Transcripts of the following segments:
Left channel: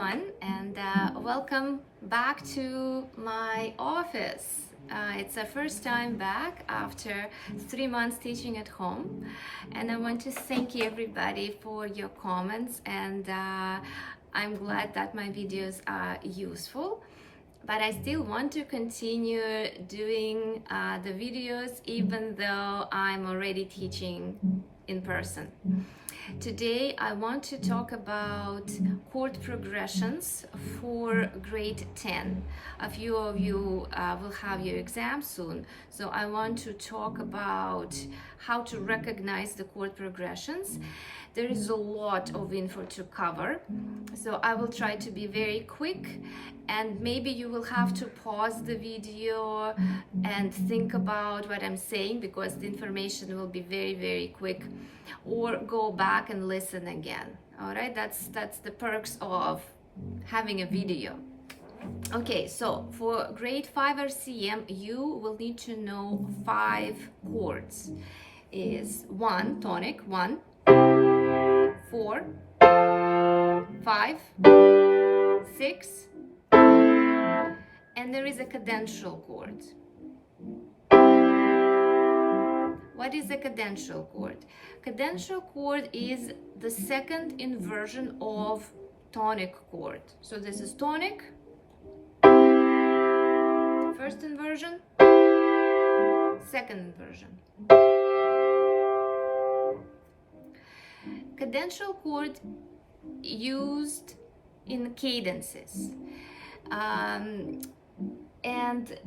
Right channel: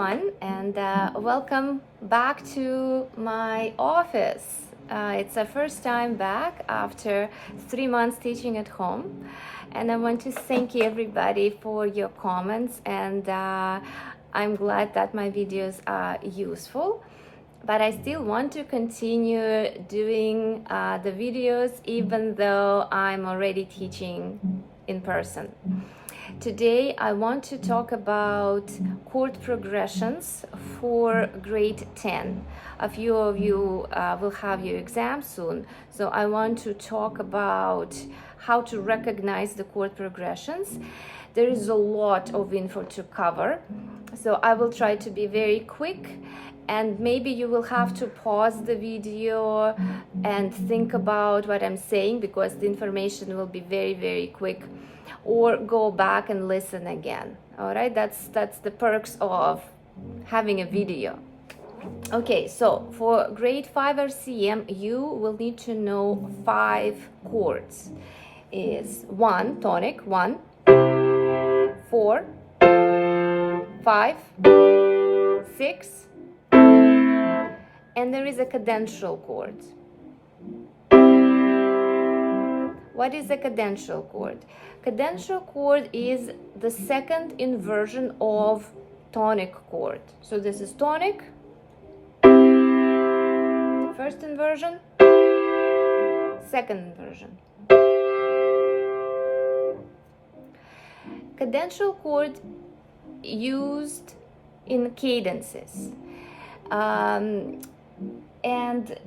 everyone, and welcome back to my office. It's the first time back after 3 months teaching at home, and I want to thank you everybody for your comments, and I'm glad that my videos are useful. But I still want to continue doing the videos even though I'm already teaching in person. Today I want to talk about chord progressions for grade 10. A few of you will have your exam soon, so I want to talk about how to recognize the chord progressions. There is a lot of info to cover, so I will try to be very quick, and maybe you will have to pause the video and think about what I'm saying because the information will be very quick, or go back and listen again. All right, that's the perks of having a video. Okay, so for grade 5 RCM you will need to know 5 chords. Is 1 tonic, 1, 4, 5, 6, and there is a cadential chord. What is a cadential chord? Cadential chord is the second inversion of tonic chord. So this is tonic, first inversion, second inversion. Cadential chord used in cadences, and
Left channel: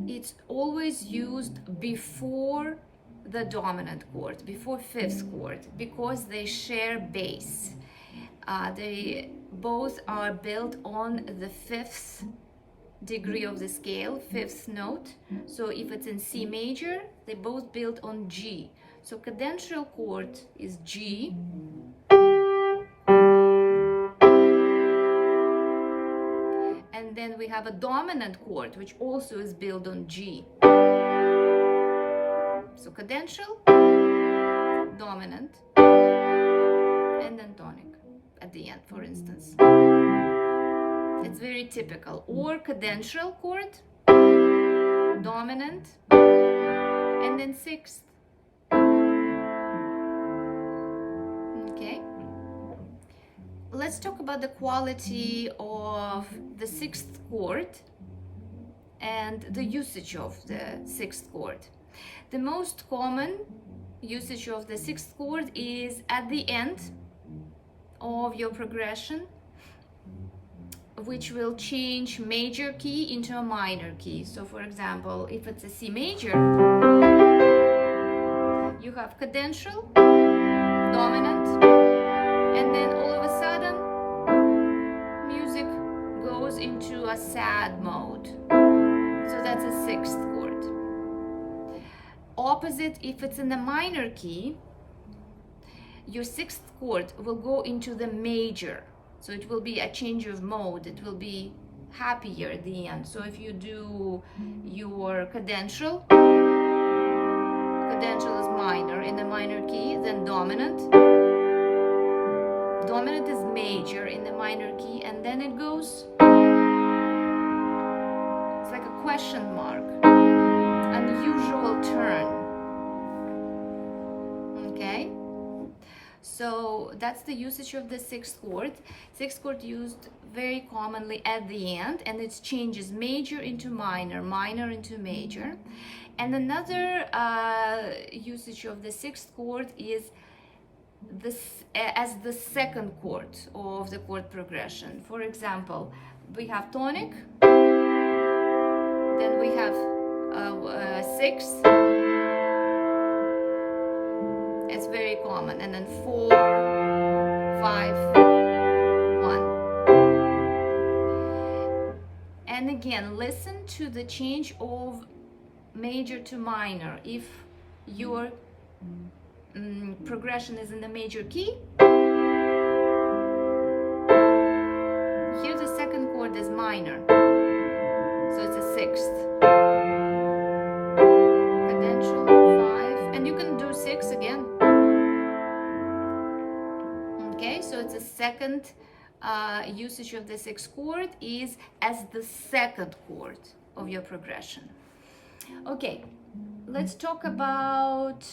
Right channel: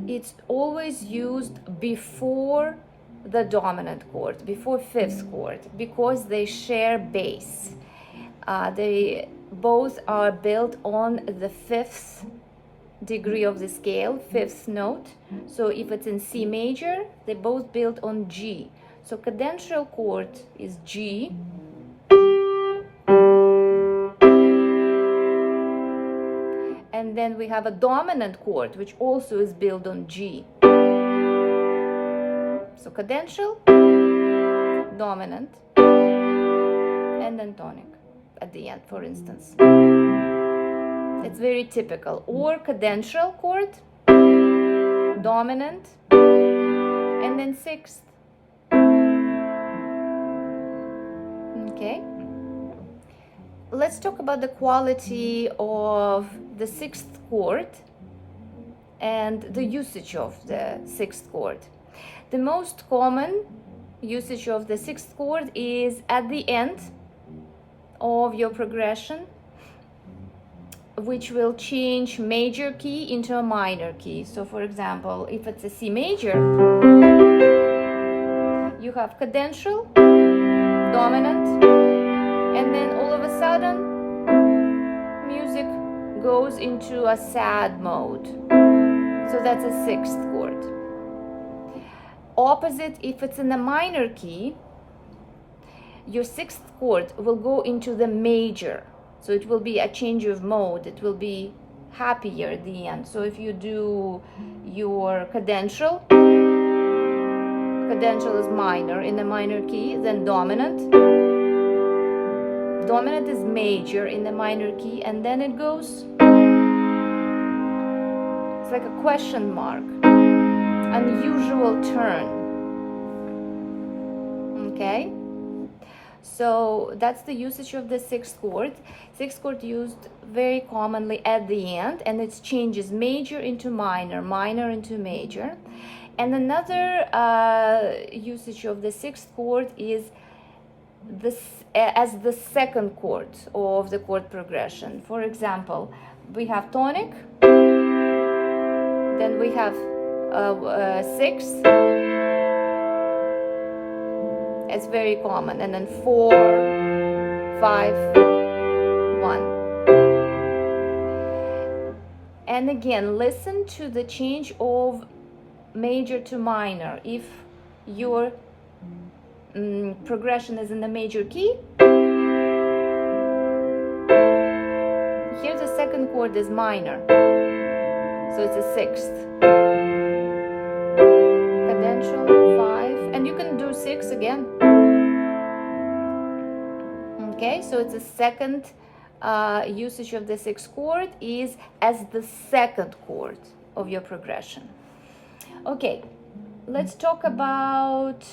it's always used before the dominant chord, before fifth chord, because they share bass. They both are built on the fifth degree of the scale, fifth note. So if it's in C major, they both built on G. So cadential chord is G, and then we have a dominant chord which also is built on G. So cadential, dominant, and then tonic at the end, for instance. It's very typical. Or cadential chord, dominant, and then sixth. Okay. Let's talk about the quality of the sixth chord and the usage of the sixth chord. The most common usage of the sixth chord is at the end of your progression, which will change major key into a minor key. So for example, if it's a C major, you have cadential, dominant, and then all of a sudden music goes into a sad mode. So that's a sixth chord. Opposite, if it's in a minor key, your sixth chord will go into the major. So it will be a change of mode. It will be happier at the end. So if you do your cadential is minor in the minor key, then dominant is major in the minor key, and then it goes, it's like a question mark, unusual turn. Okay, so that's the usage of the sixth chord. Sixth chord used very commonly at the end, and it changes major into minor, minor into major. And another usage of the sixth chord is this as the second chord of the chord progression. For example, we have tonic, then we have sixth, it's very common, and then 4, 5, 1. And again, listen to the change of major to minor. If your progression is in the major key, here the second chord is minor, so it's a sixth. Cadential, 5, and you can do 6 again. Okay, so it's a second usage of the sixth chord is as the second chord of your progression. Okay, let's talk about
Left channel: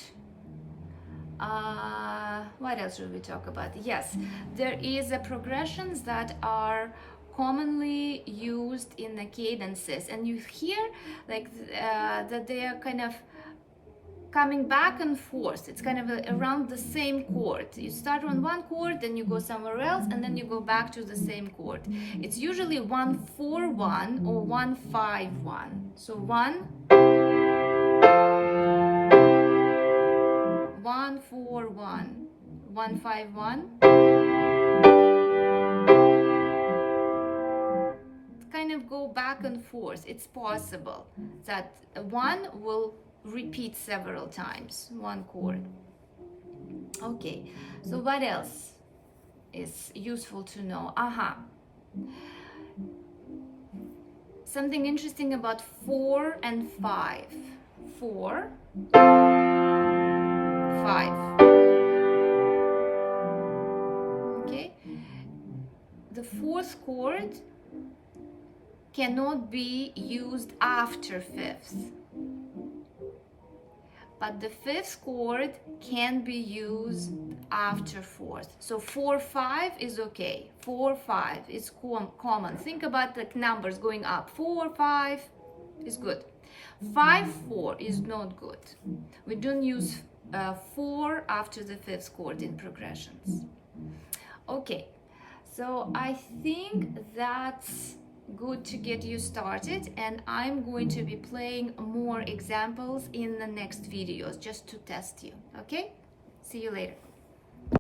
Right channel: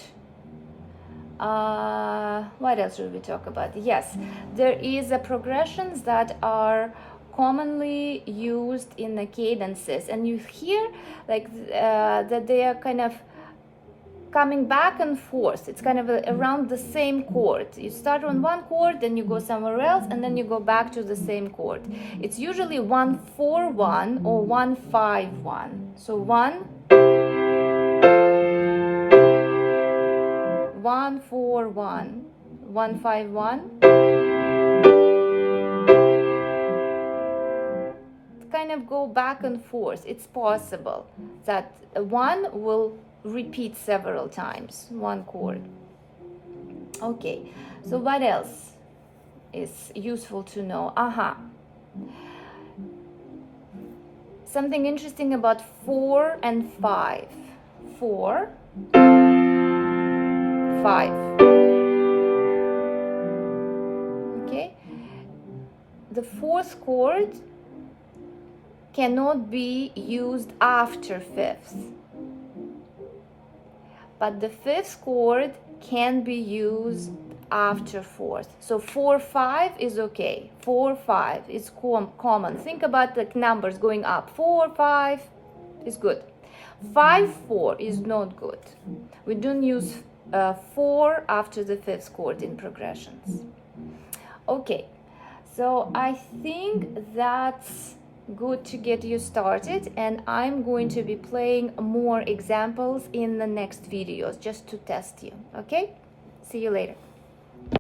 what else should we talk about? Yes, there is a progressions that are commonly used in the cadences, and you hear like that they are kind of coming back and forth. It's kind of around the same chord. You start on one chord, then you go somewhere else, and then you go back to the same chord. It's usually 1-4-1 or 1-5-1. So 1-4-1, 1-5-1. Kind of go back and forth. It's possible that one will repeat several times, one chord. Okay, so what else is useful to know? Something interesting about 4 and 5. 4, 5. Okay, the fourth chord cannot be used after fifth, but the fifth chord can be used after fourth. So 4-5 is okay. 4-5 is common. Think about the numbers going up. 4-5 is good. 5-4 is not good. We don't use 4 after the fifth chord in progressions. Okay, so I think that's good to get you started, and I'm going to be playing more examples in the next videos just to test you. Okay, see you later.